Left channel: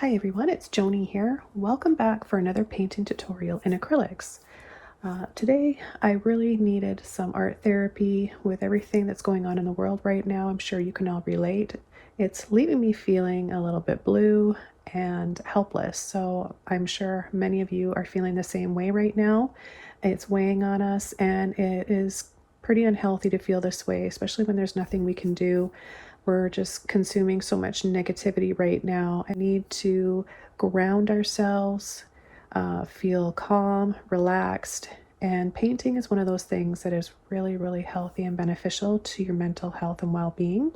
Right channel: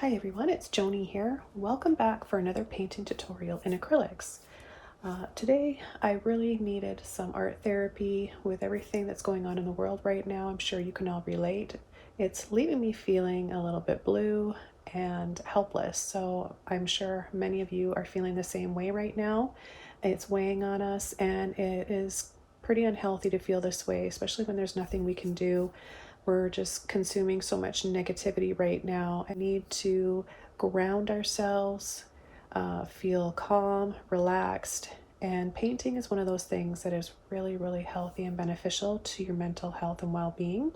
Hi everyone, it's Joni here. Welcome back for another painting tutorial in acrylics. Today I really needed some art therapy with everything that's going on in the world right now. I'm sure you can all relate. It's leaving me feeling a little bit blue and helpless, so I'm sure many of you are feeling the same way right now. It's weighing on us and it is pretty unhealthy to feel this way, especially when there's nothing we can do. We're just consuming so much negativity right now. I need to ground ourselves, feel calm, relaxed, and painting is one of those things that is really, really healthy and beneficial to your mental health and well-being.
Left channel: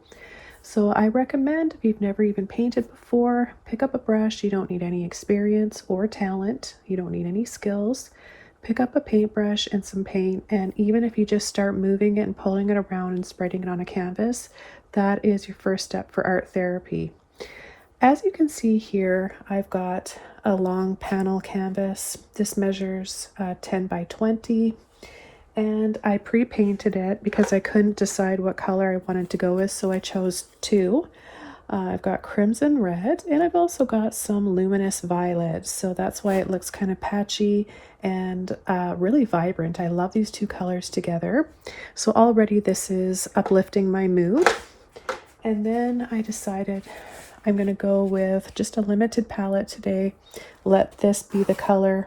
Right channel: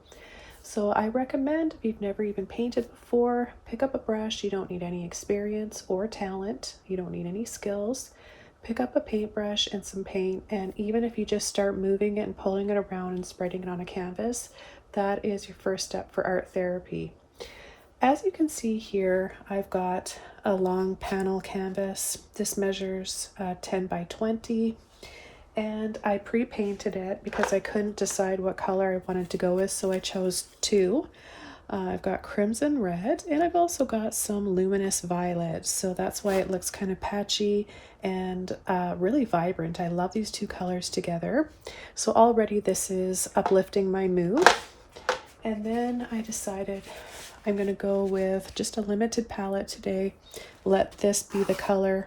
So I recommend, if you've never even painted before, pick up a brush. You don't need any experience or talent. You don't need any skills. Pick up a paintbrush and some paint, and even if you just start moving it and pulling it around and spreading it on a canvas, that is your first step for art therapy. As you can see here, I've got a long panel canvas. This measures 10 by 20, and I pre-painted it because I couldn't decide what color I wanted to go with, so I chose two. I've got crimson red, and I've also got some luminous violet, so that's why it looks kind of patchy and really vibrant. I love these two colors together. So already this is uplifting my mood. And then I decided I'm going to go with just a limited palette today. Let this be the color,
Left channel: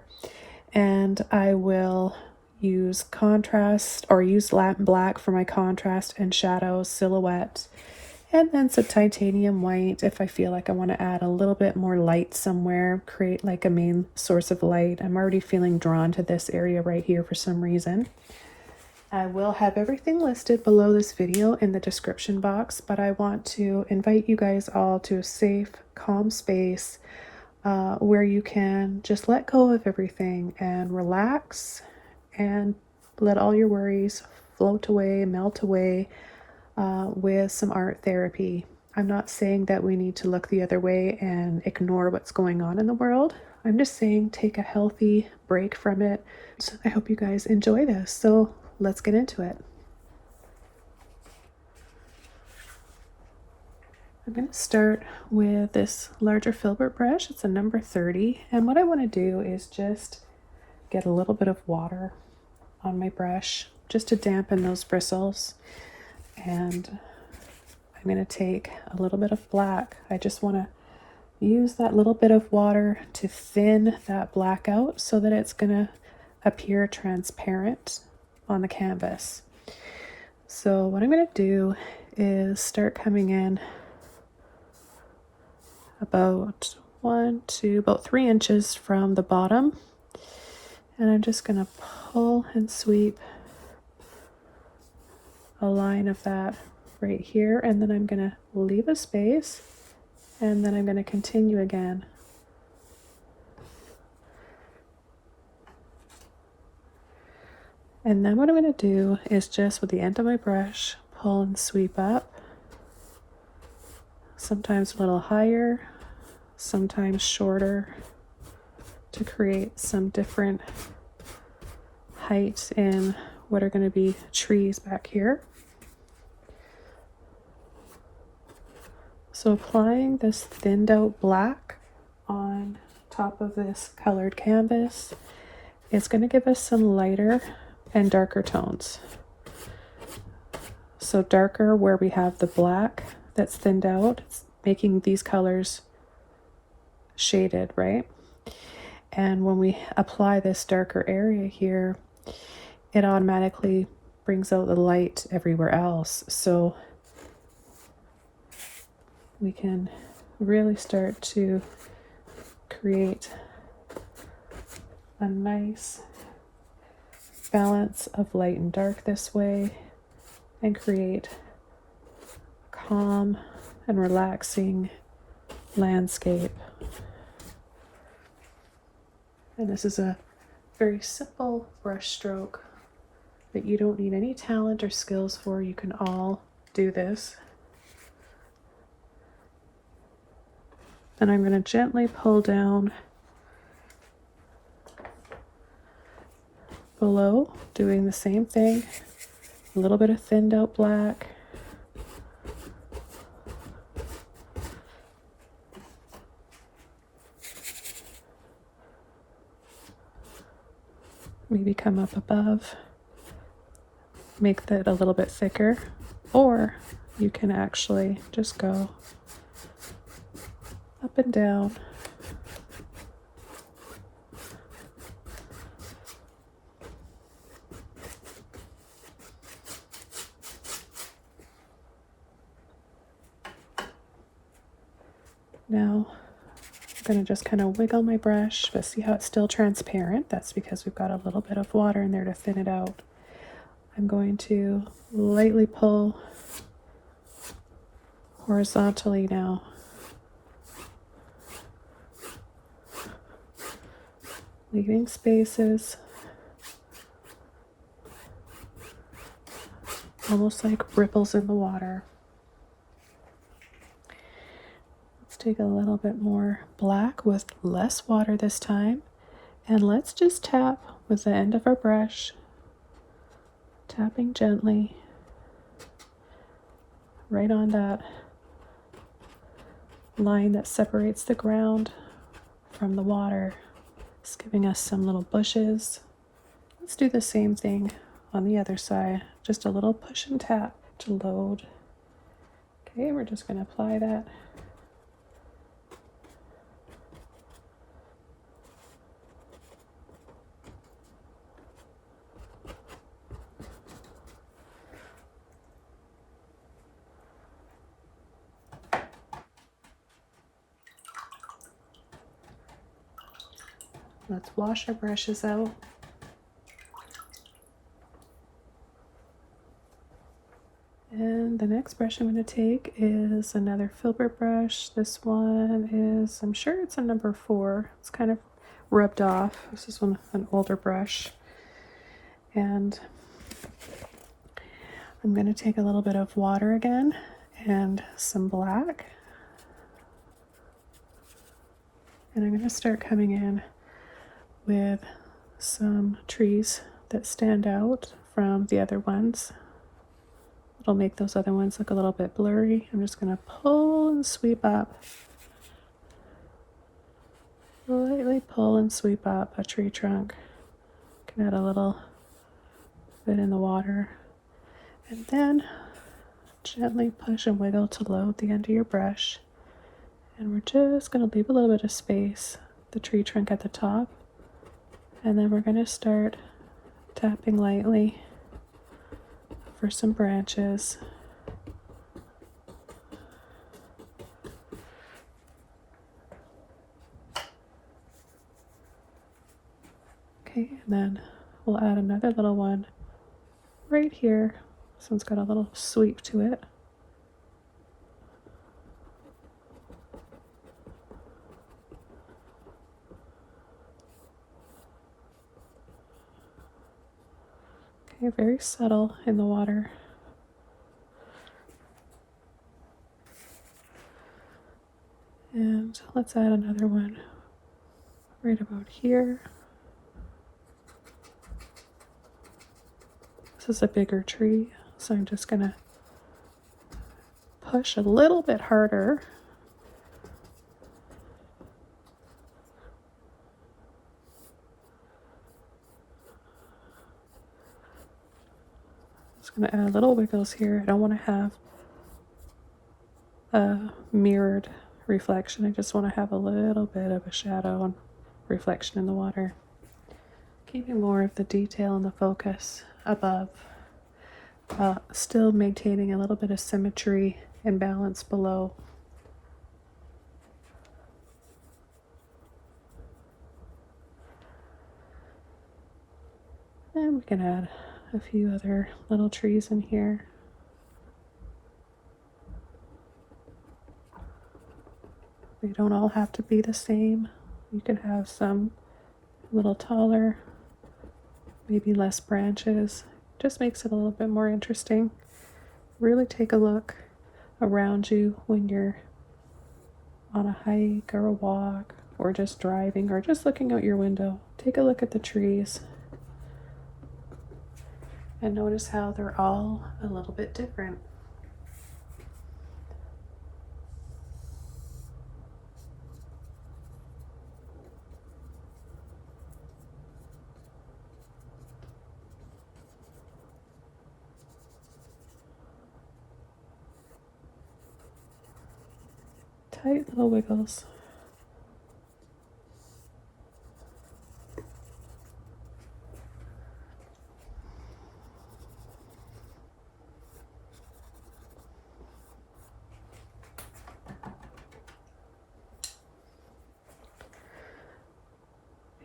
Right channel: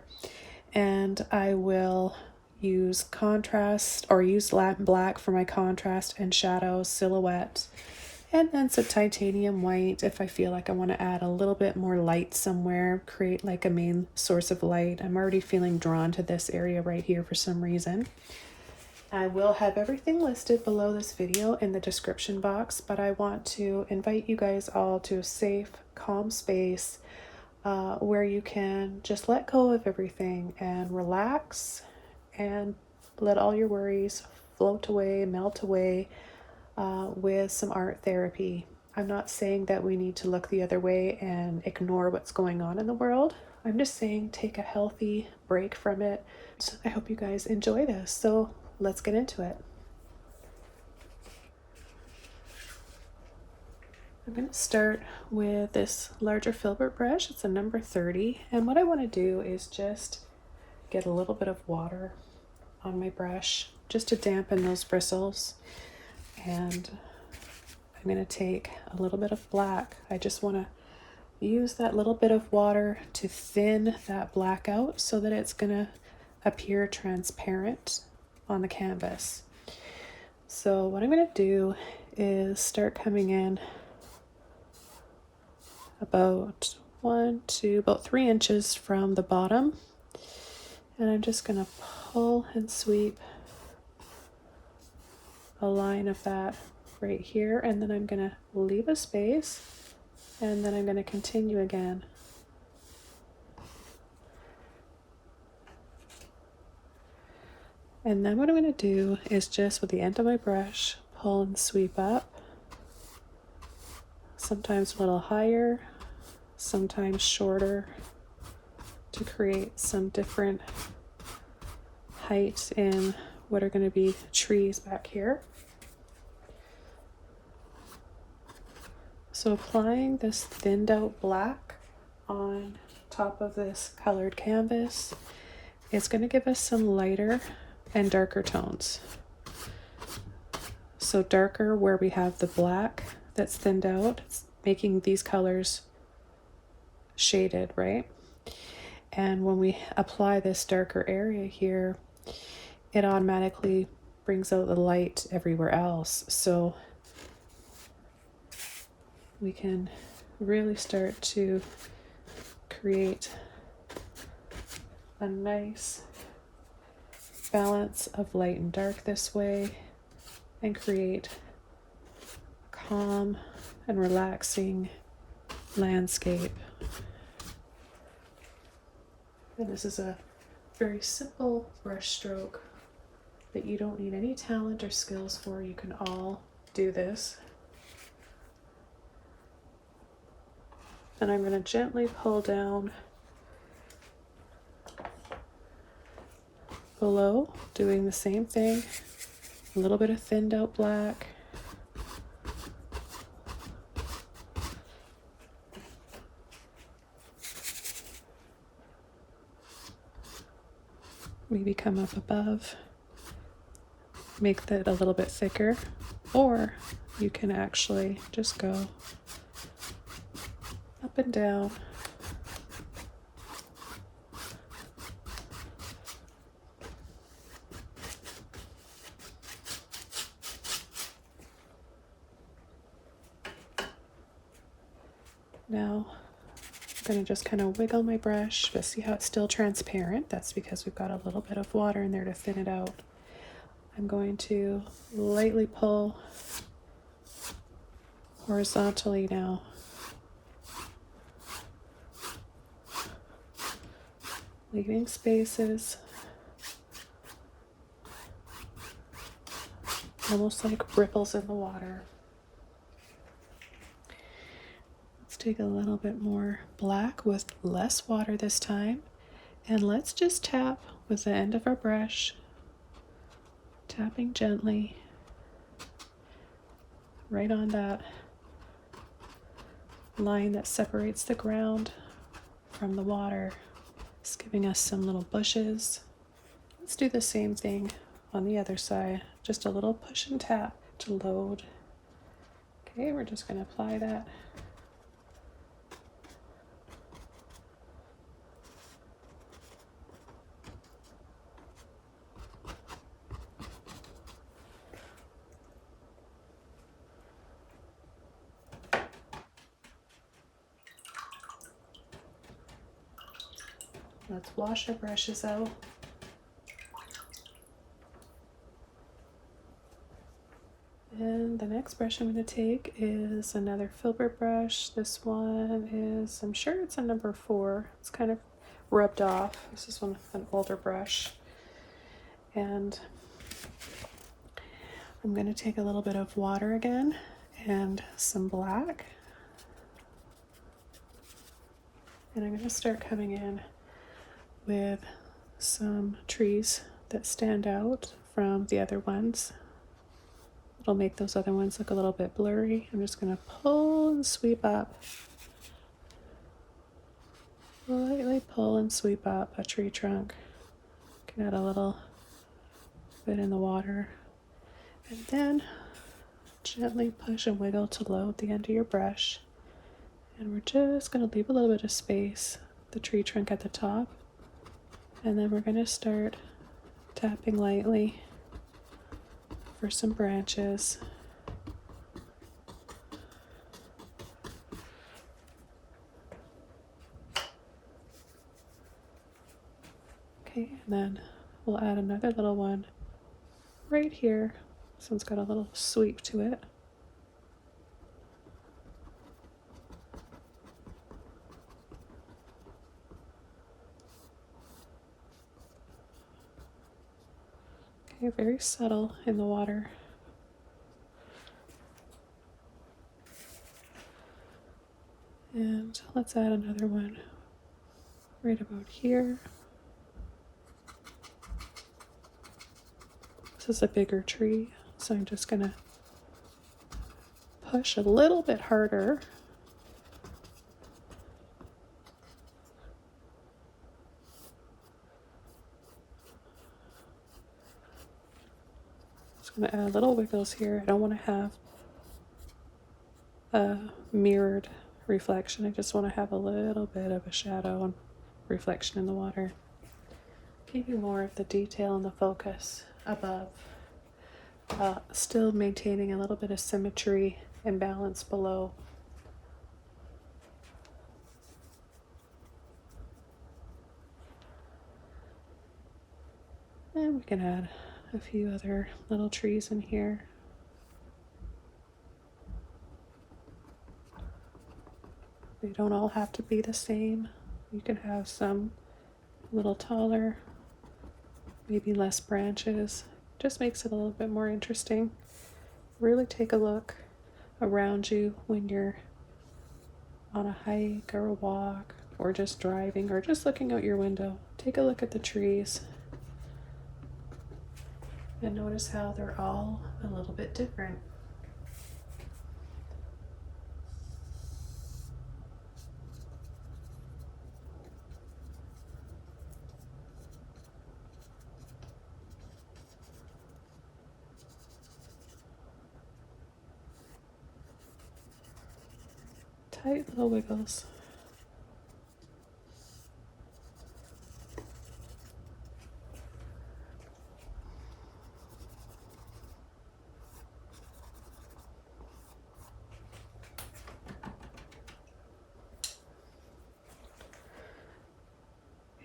and I will use contrast, or use Latin black for my contrast and shadows, silhouette, and then some titanium white if I feel like I want to add a little bit more light somewhere, create like a main source of light. I'm already feeling drawn to this area right here for some reason. I will have everything listed below this video in the description box, but I want to invite you guys all to a safe, calm space where you can just let go of everything and relax and let all your worries float away, melt away with some art therapy. I'm not saying that we need to look the other way and ignore what's going on in the world. I'm just saying take a healthy break from it. So I hope you guys enjoy this. So let's get into it. I'm going to start with this larger filbert brush. It's a number 30, and what I want to do is just get a little bit of water on my brush just to dampen those bristles, and I'm going to take a little bit of black. I just want to use that little bit of water to thin that black out so that it's going to appear transparent on the canvas. So what I'm going to do is start coming in about about 3 inches from the bottom, and I'm just going to pull and sweep a line of that right here, and then I'm going to leave a space, and then I'm going to continue again. And then what I'm going to do is just with the end of my brush pull and sweep up, sometimes a little higher, sometimes shorter, to create some different heights in what are going to be trees back here. So applying this thinned out black on top of this colored canvas, it's going to give us some lighter and darker tones. So darker where we have the black that's thinned out, it's making these colors shaded, right? And when we apply this darker area here, it automatically brings out the light everywhere else. So we can really start to create a nice balance of light and dark this way, and create calm and relaxing landscape. And this is a very simple brush stroke that you don't need any talent or skills for. You can all do this. And I'm going to gently pull down below, doing the same thing, a little bit of thinned out black, maybe come up above, make that a little bit thicker, or you can actually just go up and down. Now I'm going to just kind of wiggle my brush, but see how it's still transparent? That's because we've got a little bit of water in there to thin it out. I'm going to lightly pull horizontally now. Leaving spaces, almost like ripples in the water. Let's take a little bit more black with less water this time, and let's just tap with the end of our brush, tapping gently right on that line that separates the ground from the water. It's giving us some little bushes. Let's do the same thing on the other side. Just a little push and tap to load. Okay, we're just going to apply that. Let's wash our brushes out. And the next brush I'm going to take is another filbert brush. This one is, I'm sure it's a number 4. It's kind of rubbed off. This is an older brush. And I'm going to take a little bit of water again and some black. And I'm going to start coming in with some trees that stand out from the other ones. It'll make those other ones look a little bit blurry. I'm just going to pull and sweep up. Lightly pull and sweep up a tree trunk. Can add a little bit in the water. And then gently push and wiggle to load the end of your brush. And we're just going to leave a little bit of space, the tree trunk at the top. And then we're going to start tapping lightly for some branches. Okay, and then we'll add another little one right here. This one's got a little sweep to it. Okay, very subtle in the water. And let's add another one right about here. This is a bigger tree, so I'm just gonna push a little bit harder. Just gonna add little wiggles here. I don't want to have a mirrored reflection. I just want to have a little bit of a shadow and reflection in the water. Keeping more of the detail and the focus above, still maintaining a little bit of symmetry and balance below. And we can add a few other little trees in here. They don't all have to be the same. You can have some a little taller, maybe less branches. Just makes it a little bit more interesting. Really take a look around you when you're on a hike or a walk, or just driving, or just looking out your window. Take a look at the trees and notice how they're all a little bit different. tight little wiggles.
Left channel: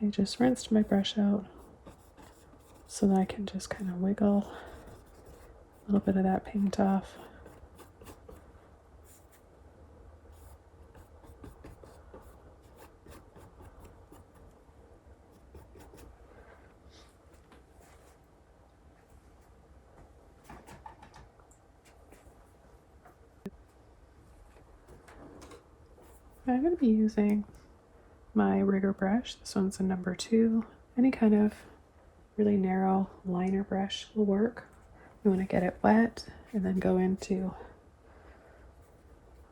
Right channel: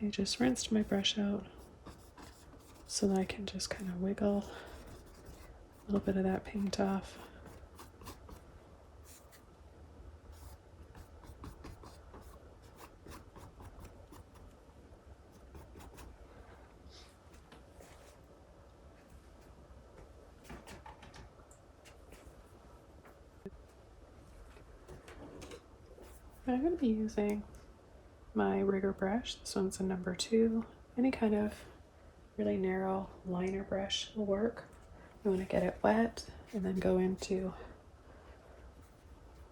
I just rinsed my brush out so that I can just kind of wiggle a little bit of that paint off. I'm going to be using my rigger brush. This one's a number 2. Any kind of really narrow liner brush will work. You want to get it wet and then go into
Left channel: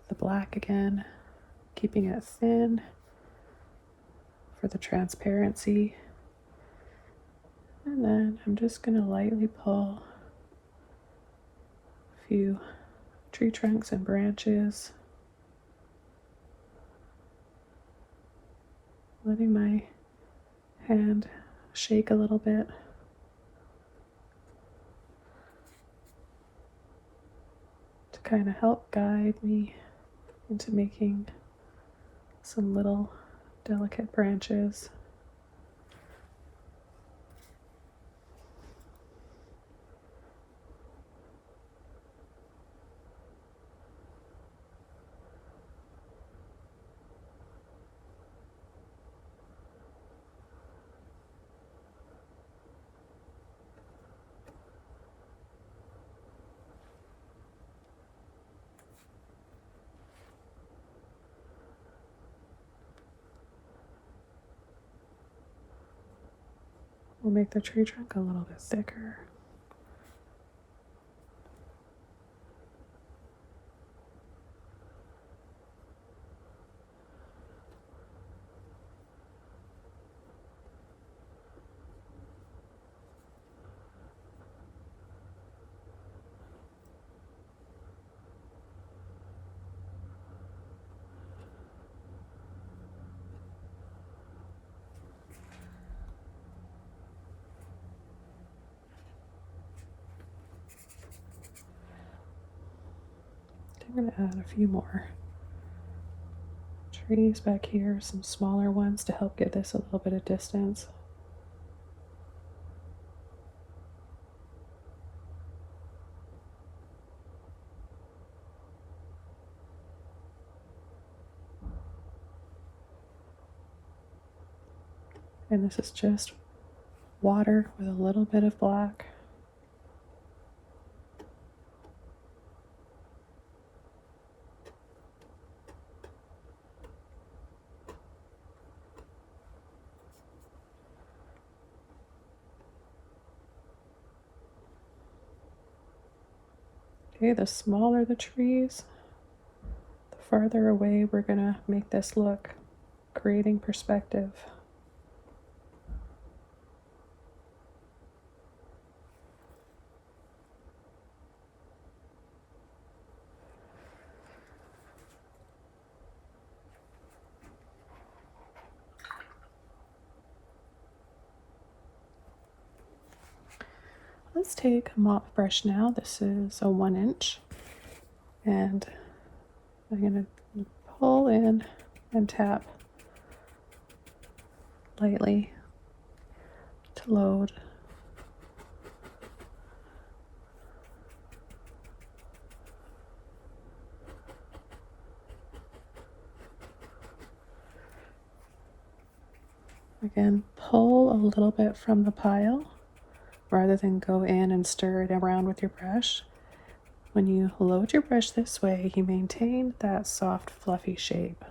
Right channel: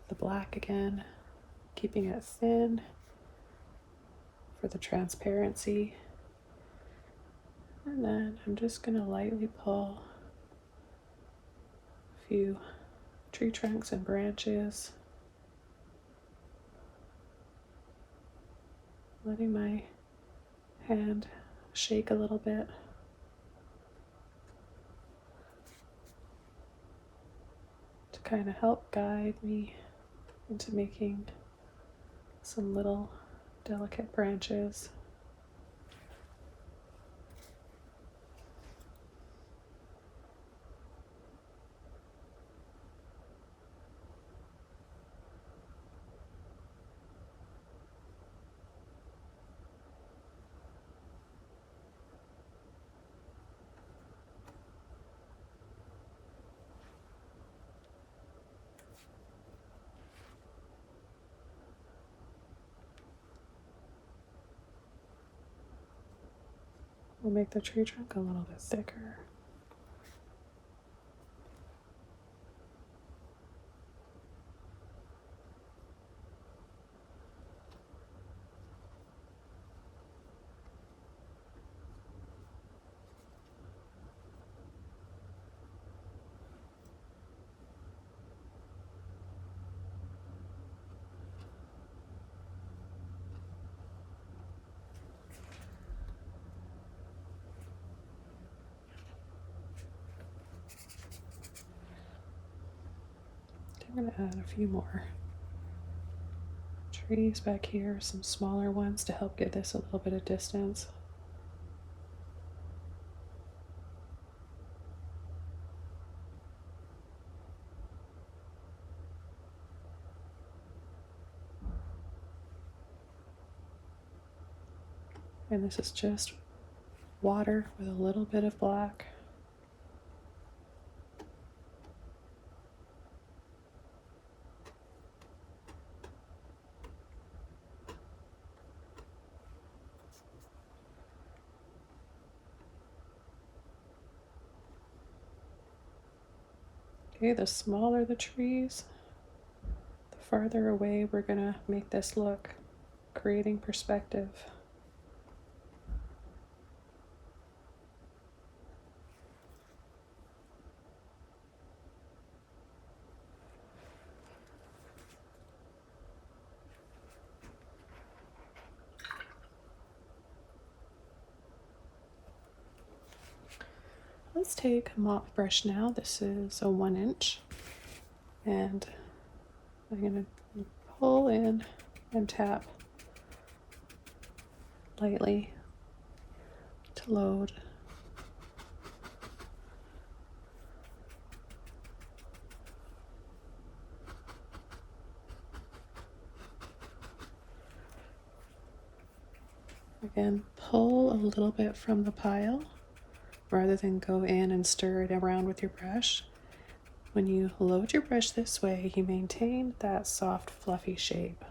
the black again, keeping it thin for the transparency. And then I'm just going to lightly pull a few tree trunks and branches, letting my hand shake a little bit. To kind of help guide me into making some little delicate branches. We'll make the tree trunk a little bit thicker. I'm going to add a few more trees back here, some smaller ones to help give this a little bit of distance. And this is just water with a little bit of black. Okay, the smaller the trees, the farther away we're going to make this look, creating perspective. Let's take a mop brush now. This is a 1 inch, and I'm going to pull in and tap lightly to load. Again, pull a little bit from the pile rather than go in and stir it around with your brush. When you load your brush this way, you maintain that soft, fluffy shape.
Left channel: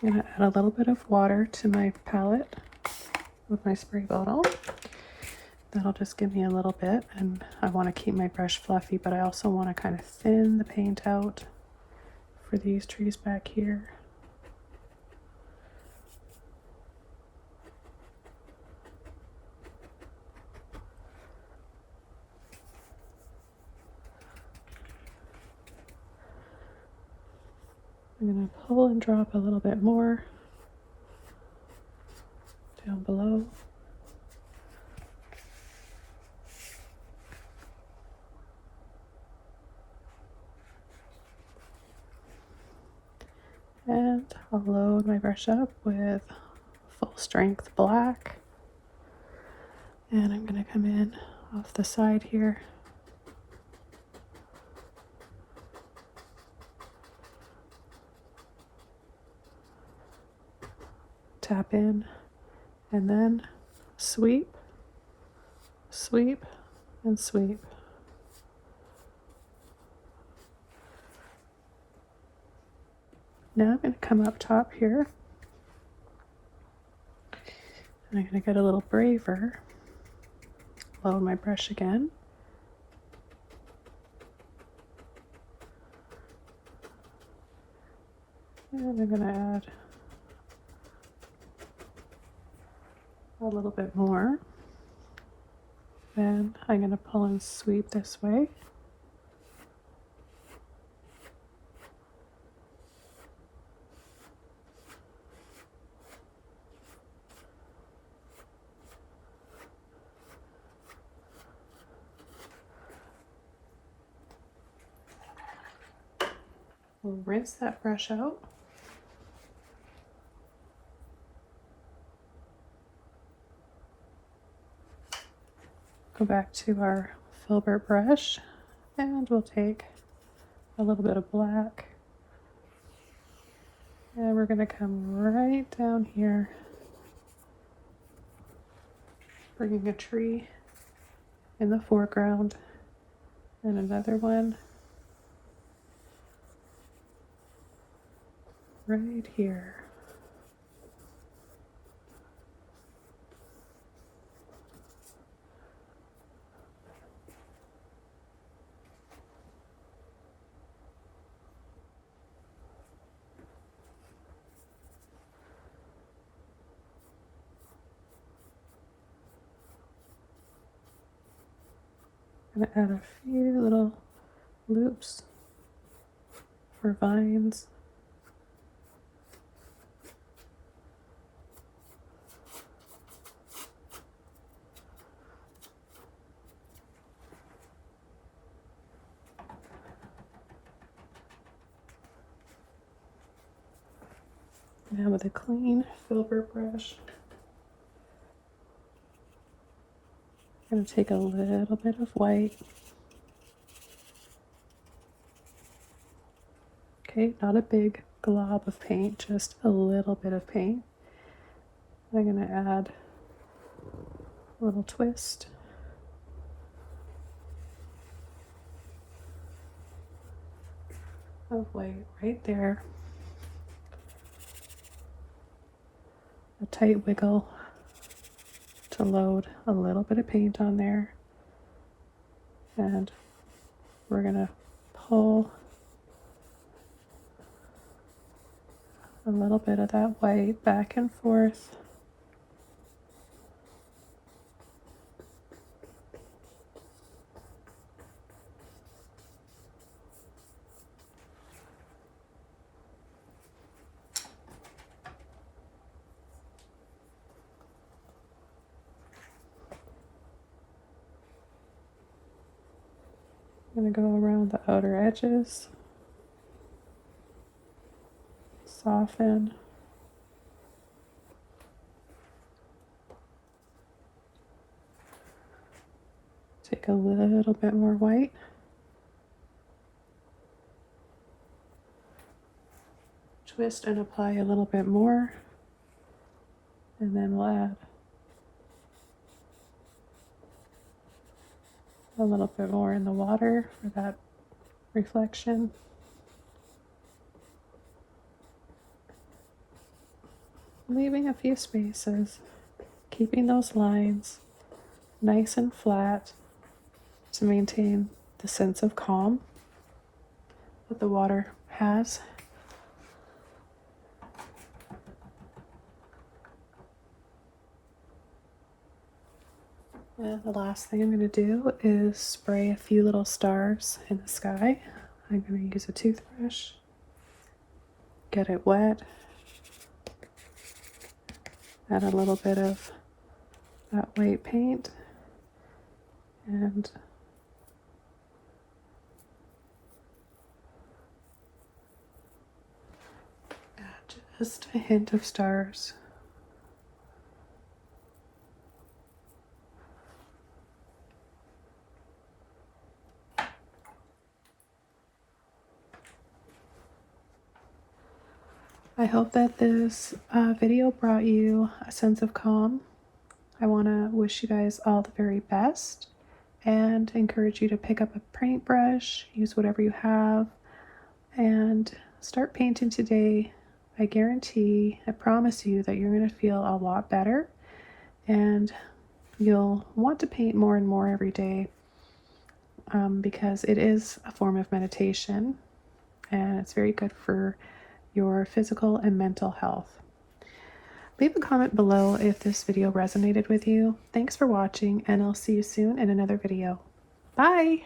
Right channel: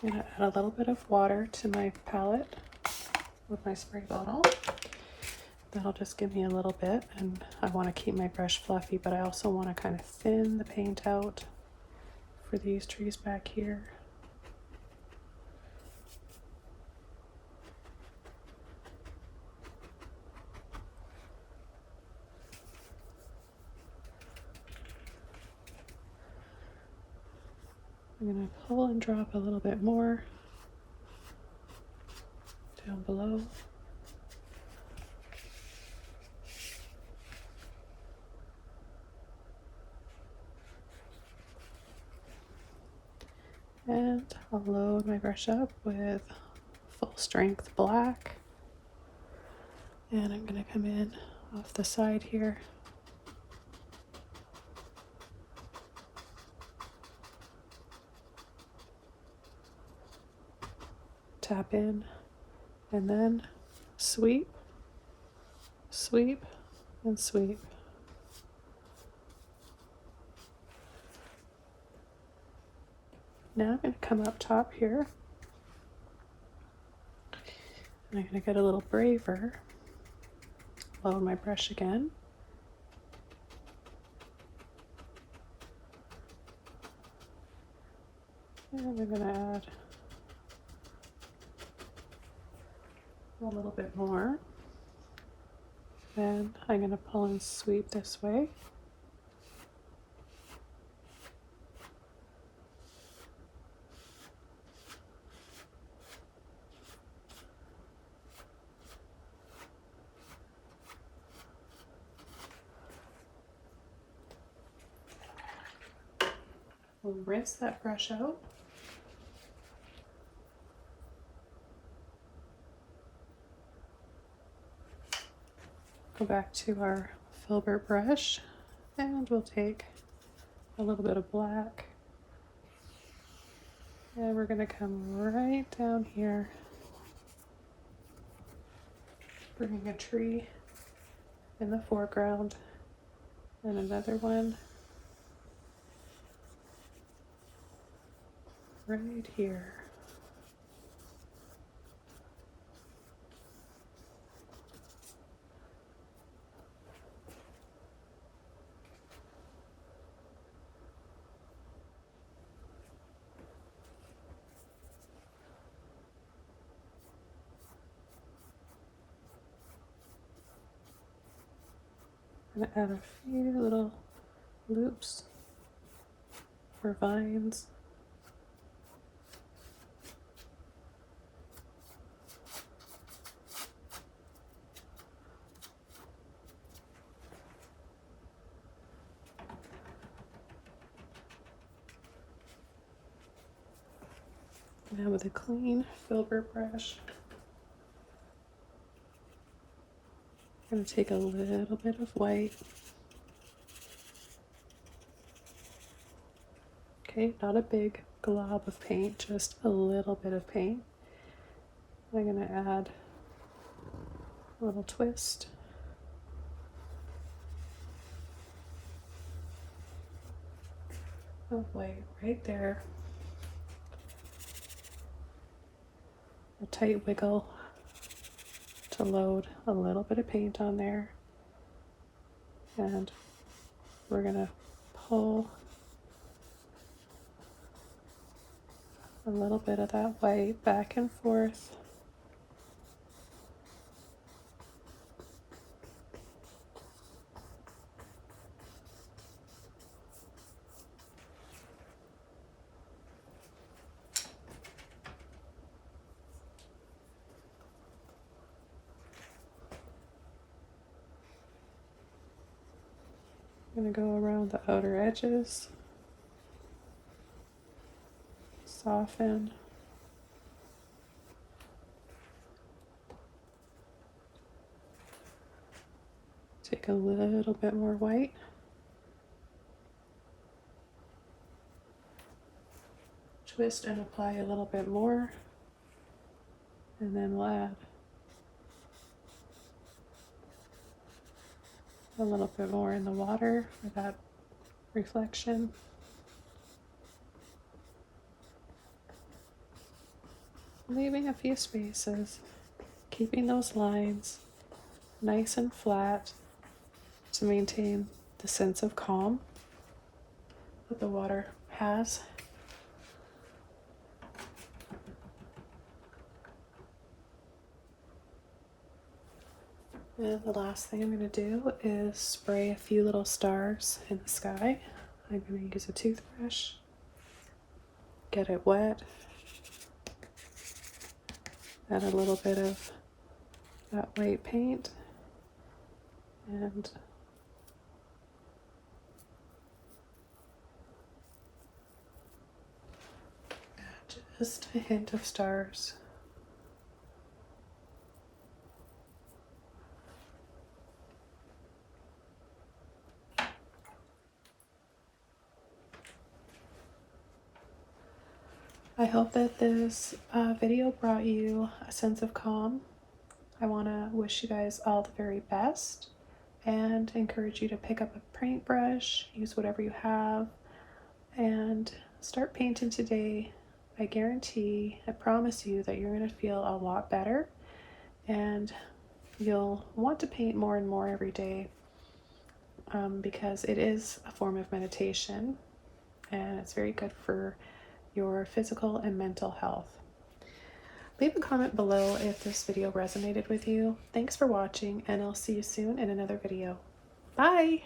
I'm going to add a little bit of water to my palette. with my spray bottle. That'll just give me a little bit, and I want to keep my brush fluffy, but I also want to kind of thin the paint out for these trees back here. I'm going to pull and drop a little bit more down below. And I'll load my brush up with full strength black. And I'm going to come in off the side here. Tap in, and then sweep, sweep, and sweep. Now I'm going to come up top here, and I'm going to get a little braver. Load my brush again. And I'm going to add a little bit more. And I'm going to pull and sweep this way. We'll rinse that brush out. Go back to our filbert brush, and we'll take a little bit of black, and we're going to come right down here, bringing a tree in the foreground and another one right here. I'm going to add a few little loops for vines. Now with a clean filbert brush, I'm going to take a little bit of white. Okay, not a big glob of paint, just a little bit of paint. I'm going to add a little twist. Of white right there. A tight wiggle to load a little bit of paint on there. And we're going to pull a little bit of that white back and forth. I'm going to go around the outer edges, soften, take a little bit more white, twist and apply a little bit more, and then we'll add a little bit more in the water for that reflection. Leaving a few spaces. keeping those lines nice and flat to maintain the sense of calm that the water has. And the last thing I'm going to do is spray a few little stars in the sky. I'm going to use a toothbrush, get it wet, add a little bit of that white paint, and just a hint of stars. I hope that this video brought you a sense of calm. I want to wish you guys all the very best and encourage you to pick up a paintbrush, use whatever you have, and start painting today. I guarantee, I promise you that you're going to feel a lot better and you'll want to paint more and more every day because it is a form of meditation and it's very good for your physical and mental health. Leave a comment below if this video resonated with you. Thanks for watching, and I'll see you soon in another video. Bye!